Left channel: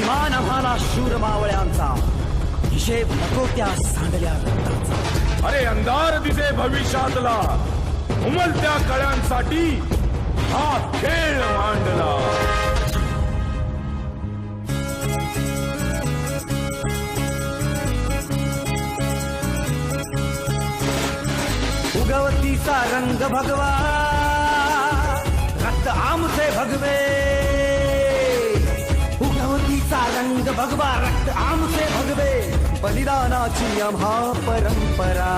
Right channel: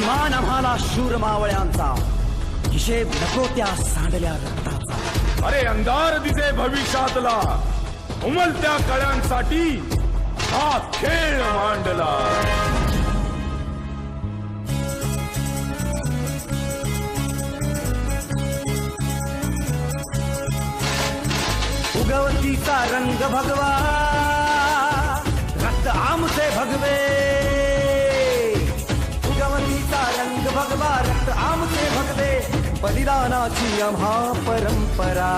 मान आम्हाला शूर मावळ्यांचा हिशेब नको त्या सांडल्या रक्ताचा. अरे अंधार दिसे भविष्यातला उमलत्या कळ्यांसाठी हा खेळ मांडला. उगवतीचा रंग भगवा रक्त आमचे भगवे. बलिदानाची आम्हा परंपरा.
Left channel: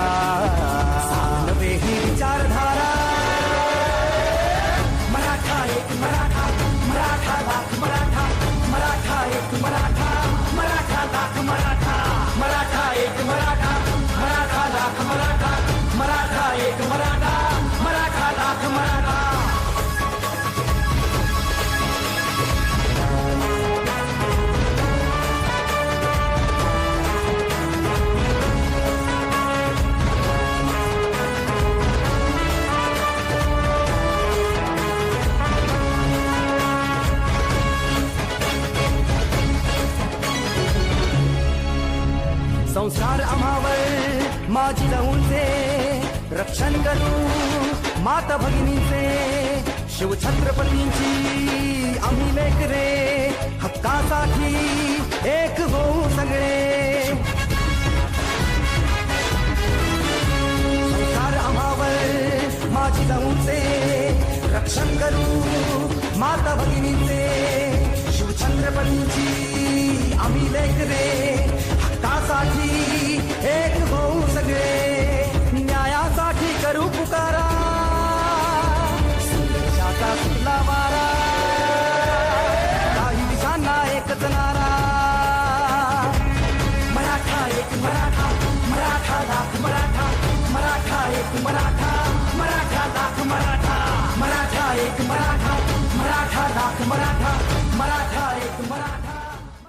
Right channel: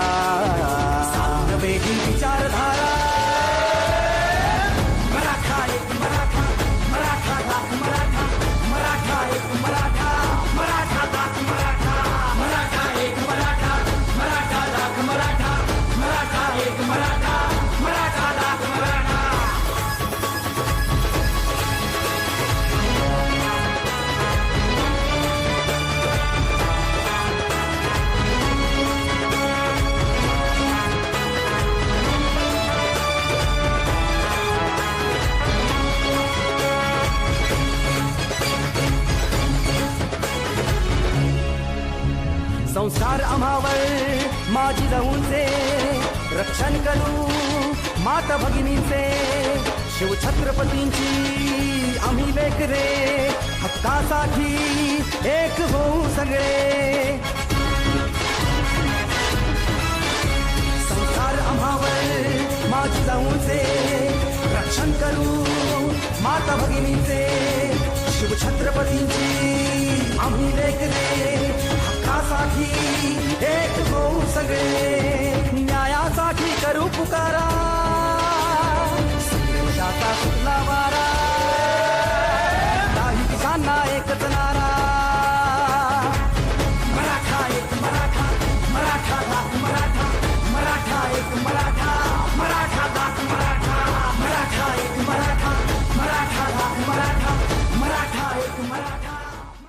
संस्कार आम्हावर माझी जाऊनचे. रक्षण करू माता भगिनींचे. शिवछत्रपतींची आम्ही लेकरे हक्कासाठी एक होऊ सगळे. संस्कार आम्हावर माझी जाऊनचे. रक्षण करू माता भगिनी కరుపు కారా సందేశాత కుల్లవా